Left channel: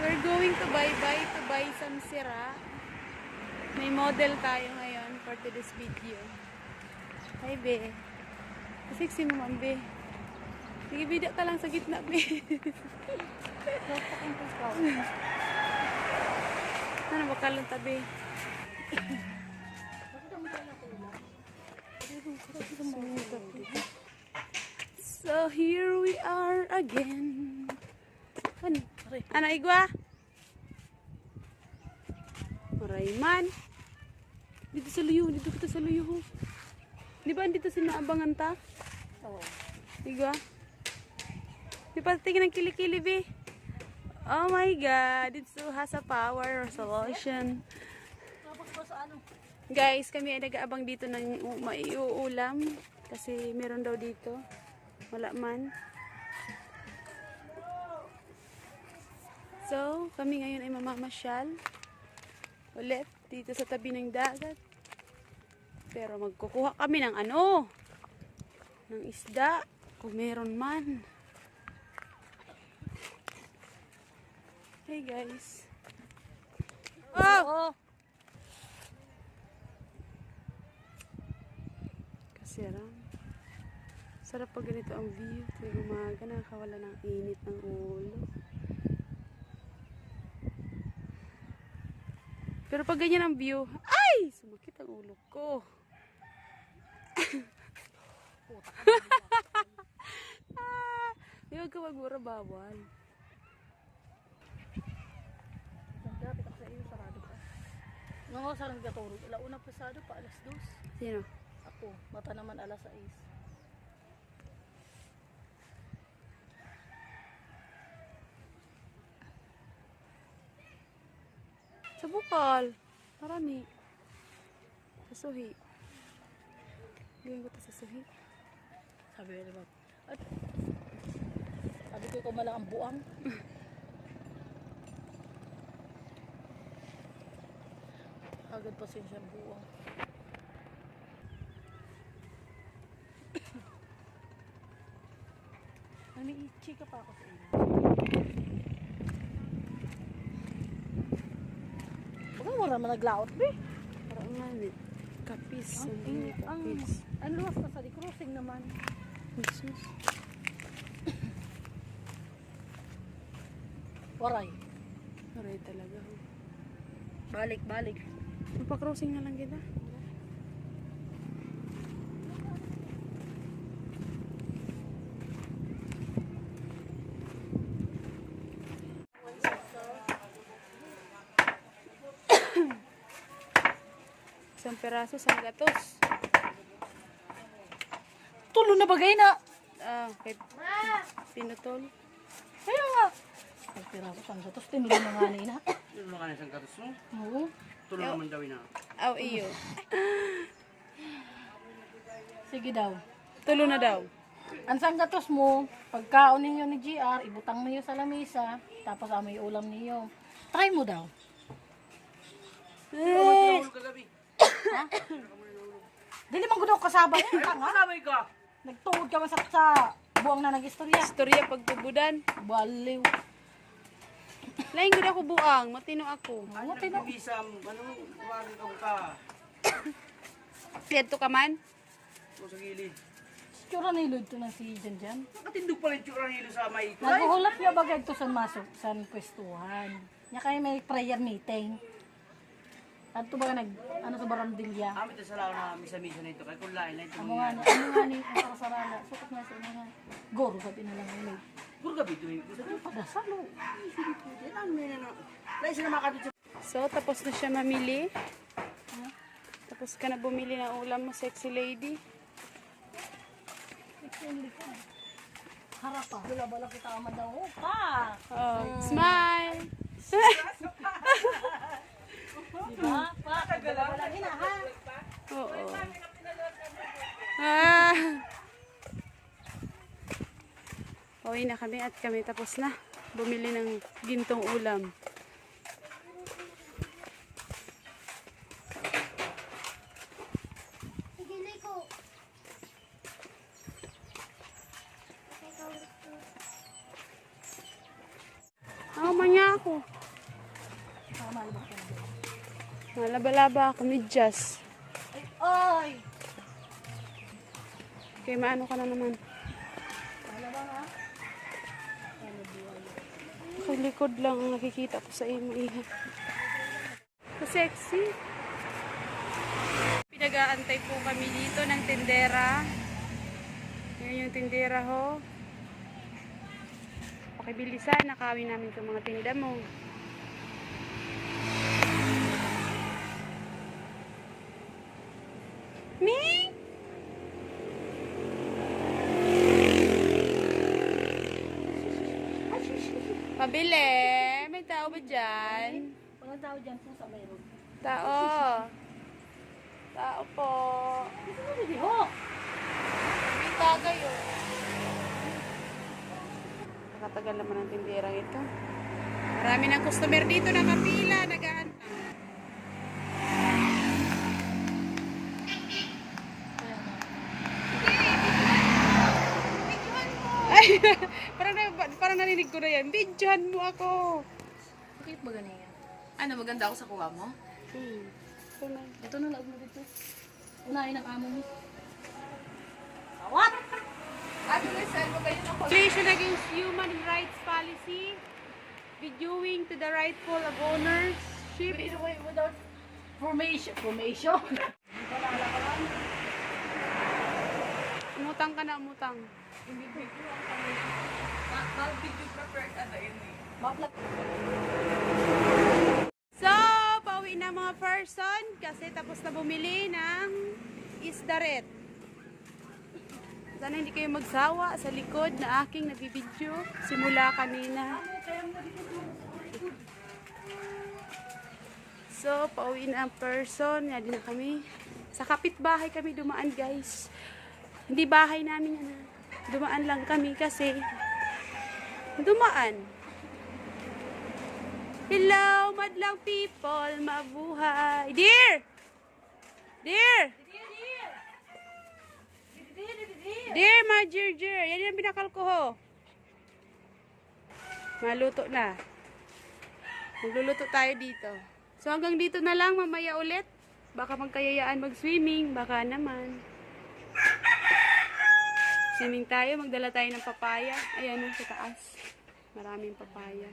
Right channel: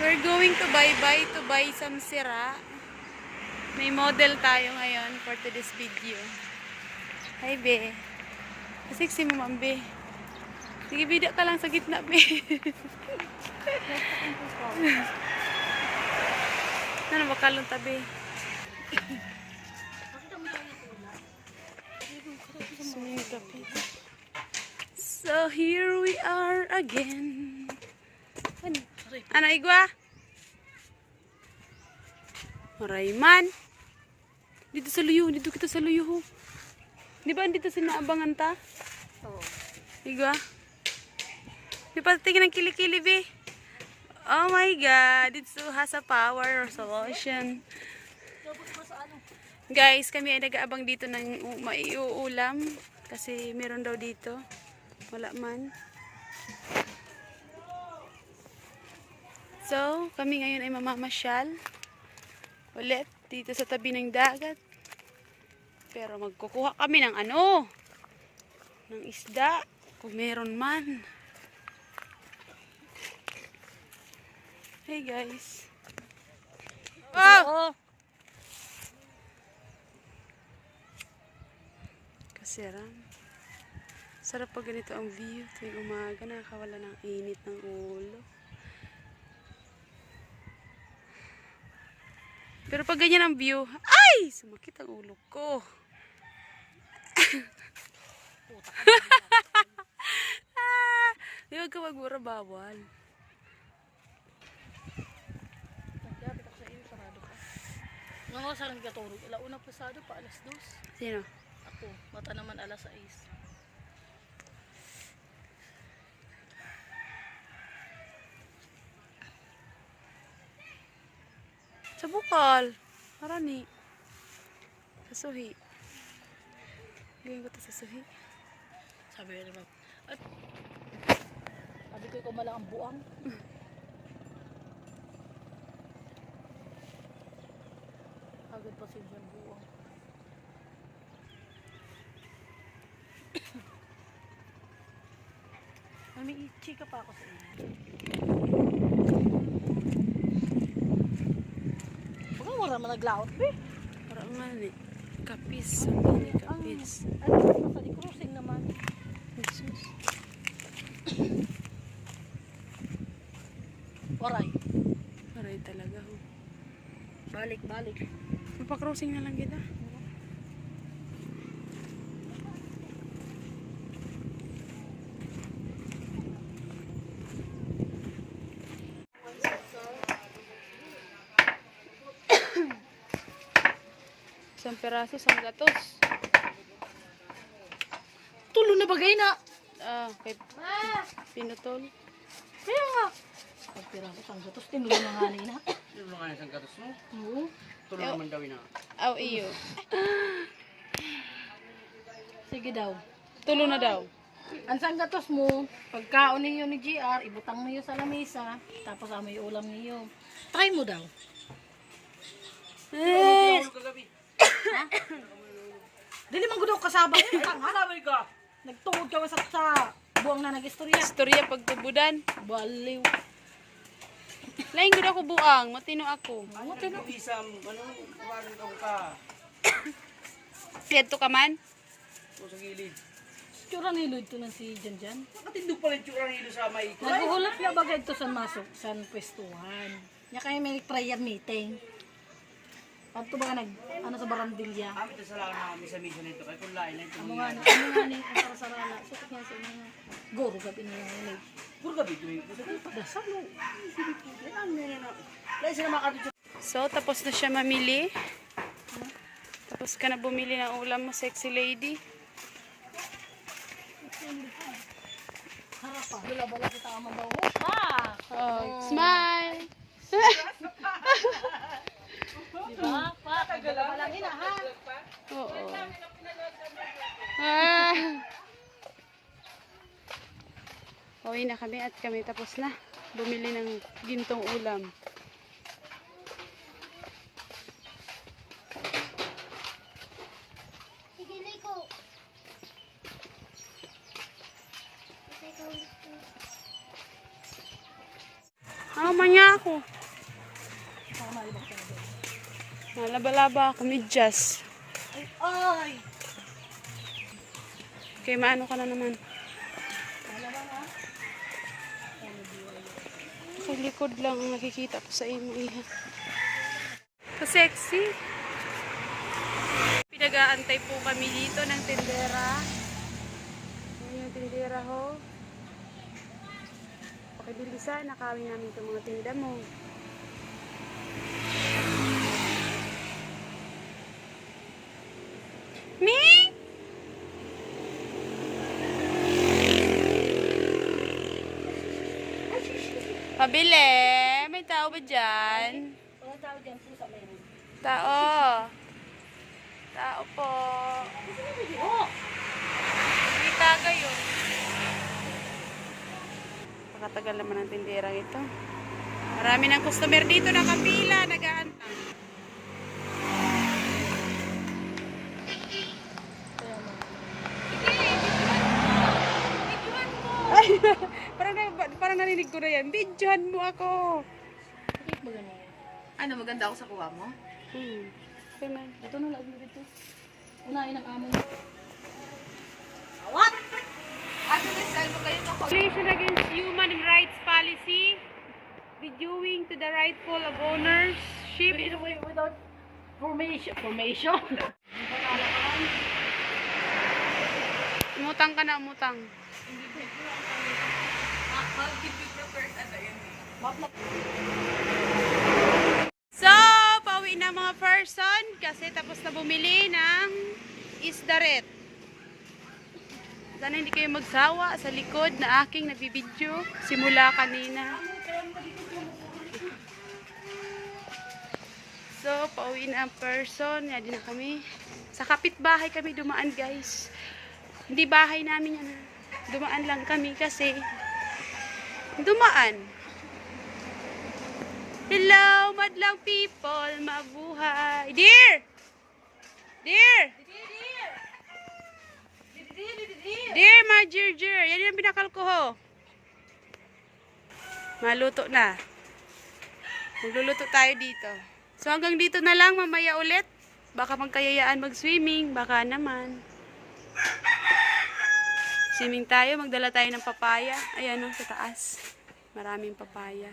We're going to bye-bye to buy some sira. May model tayo ngayon for today's video. Hi, be. Sexy mo, ma'am, be. Sige, bida ka lang sa gitna, be. ano, bakalong tabi. So, here we are again. Ano, igwa? Marayman. Dito sa luyo, dito kita sa luyo. Di ba dito sinaabangan ta? Oo. Igwa? Di pa tingin ng kilikili, be? Oh my God, it so has a power or solution. Guys, kami ay nag-aabang dito ng maiuulam kasi meron daw dito. Wala man. So, kami ngayon ay mamamasyal ulit dito sa tabi ng dagat. Pero magkukuha kami ng ano? Ng isda. Kung meron man. Hey guys. Wow! Oo. Kasiram. Sarap pag ganito ang view. Tuwing umaga, nakakawala ng init ng ulo. Pero pag ganyan ang view, ay! Sumakit ang ulo ko. ah, di wag ka magmura bawal. Nga sa lang gaturog. Alauna pasado pa alas 2. Sino? Ako, mata naman alas 6. Sa bukal. Marani. Sa suhi. Gawin ko to sa suhi. Sabi ko naman, at sabi ko ikaw malang ang buang. Agad pa siya siyang buang. Mami, chika pa ako sa inyo. Huwag mo naman naglaot, be. Parang nga ni. Kapis. Hindi kapis. Ano, nasa di crossing naman. Jesus. Waray. Aray talaga. Oh. Balik, balik. Magpa-crossing na lang kita. Isang peraso, isang gatos. Tulo na bagay na. Ah, kay Pinutol. Kaya nga. Ang piraso siyang gatos, tinulo na nga nina. Lang nga isang katos mo? Oo. Tulo naman daw na. Aw, iyo. Sige daw. Tulo na daw. Ang sang gatos mo, pagkaon ninyo ni GR, ibutang mo yun sa lamesa, tapos amoy ulam niyo. Try mo daw. Eh, kagabi. Dili man gudaw kasaba ko. Kasabay ka! Nagtungod ka sa, sa buwang na nag-istorya. Istorya pagtubudan. Baliw. Lain gud ako buang, matino ako. Ano tino? Bisam, ano, kumarin ka ka. Dito ka man? O sa gilid. Tsura nilod to na si Jan Jan. Nakatindog pala yung tsura nilo sa may ito. Naguhulap na bagay to sa masok sa pwestuhan. Nya kayo may prayer meeting. Adto ba ka nag ano sa barandilya? Amit na sala na kami sa mission na ito. Kaya kung lain na ito Ano nga mangyayari. ni, ano nga ni, ang para sa rana. Sukot niya sa ina nga. Goro ka tinalanginig. Puro gabi ito yung gusto ko. Dasal mo. Yan ang yan na. Lain sila makatid sa So, tapos na siya mamili. Tapos ka na bumili ng ulam mo, sexy lady. Harap pa. Bala-bala kita aman daw. Ha! Oh, smile! Diba? Pa, bala-bala gina ha. Oo. Ah. Pauwi na kami at kami tapos na. Bumili ng gintong ulam. Ano man na ako. Baka malibak ka na doon. Malaba-laba ako, medyas. Ay! Okay, maano ka na naman. Malabang ha? Sa likod lang ang nakikita ko sa imo iha. So sexy. Pinag-aantay po kami dito ng tindera. Yan yung tindera ho. Pakibilisan, nakawin namin itong mga tinda mo. Pabili. May tao ba dyan? Ano tawag dyan po sa mayroon? Tao. Tao po. Tagay oh. Pakatagal naman ang tindirang ito. Marami ng customer dito nakapila, nag-aantay. Ay, parang, na, parang narinig ko na yan. Bidyohan mo ako. Bakit ba ganyan yan? Ano, maganda ako sa kuha mo? Hmm. Okay, man. Ito na laog mo dito. Unahin ang amo mo. What? Violation against human rights policy, videoing to the rightful of ownership. Wait, without formation. Formation? Panala ka lang. Umutang ka na, umutang. Map na. So, pauwi na mga person kasi tapos na bumili ng isdaret. Sana hindi kayo magsawa sa likod na aking nabibidyo simula kanina. So, pauwi na ang person. Yan din na kami. Sa kapitbahay kami dumaan, guys. Hindi bahay namin yan. Dumaan lang kami kasi dumaan. Hello, madlang people, mabuhay. Dear! Dear! Dear, my dear, dear. Yan yung binakal ko ho. Maluto na. Magluluto tayo dito. So hanggang dito na lang, mamaya ulit. Baka magkayayaan mag-swimming, baka naman. Swimming tayo, magdala tayo ng papaya. Ayan o, sa taas. Maraming papaya.